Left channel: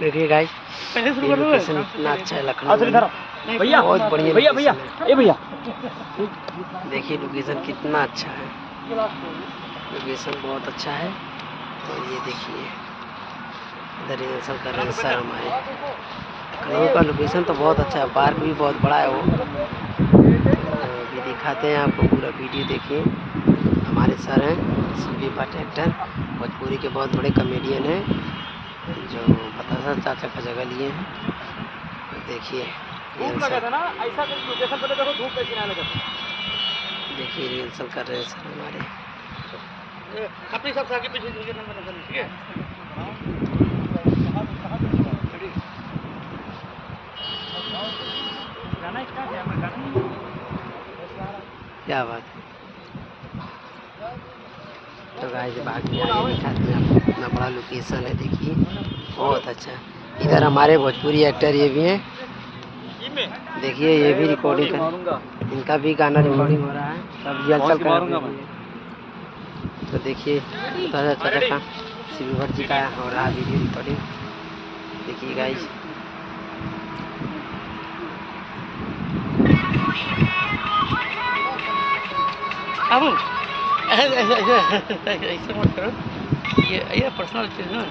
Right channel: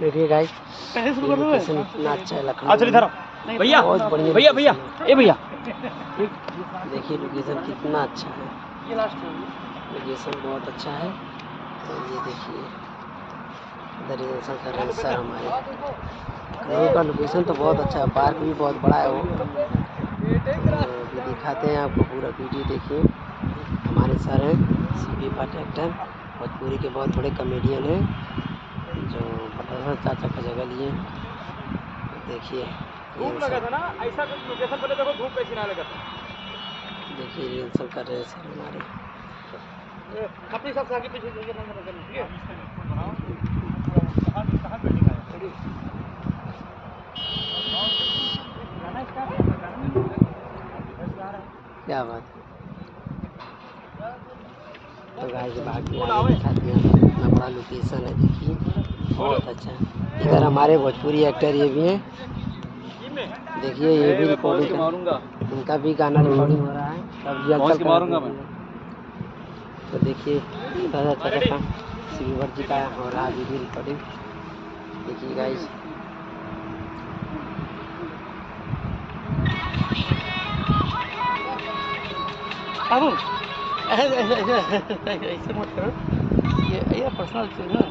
देखिए guys, location इतना अच्छा है लखनऊ में, भैया बहुत बढ़िया भैया भैया ए भैया देखिए लोकेशन कितना अच्छा है, लोकेशन बहुत अच्छा है। और ये देखिए इधर रिहर्सल कर रहे हैं सर हमारे। लखनऊ का लोकेशन तो बहुत अच्छा है, पार्क भी बहुत बड़ा है वो। अभी दिखाते हैं आपको पूरा वीडियो। देखिए हमारे सर हैं सीबी पार्टी एक्टर, भोजपुरी के बहुत बड़े कॉमेडियन हैं जो बतासा चाचा का जगह लिए हैं। देखिए देखिए रिहर्सल कर रहे हैं सर हमारे। अपने सब आगे पीछे ठीक है। क्या बात है। तो गाइस बाकी आगे दिखाते हैं आपको, कितना बड़ा लोकेशन है। देखिए बहुत अच्छा। इधर हमारे भोजपुरी एक्टर ये भी हैं, देखिए ये भी रिकॉर्डिंग कर, इनका भी गाना रिकॉर्डिंग हो रहा है, सब रिहर्सल कर रहे हैं। तो देखिए चाचा का सीबी भट्ट जी का हो रहा है वीडियो रिकॉर्डिंग। देखिए गाइस अब ऐसे मत करो, ये पर्सनल चीज़ है ना।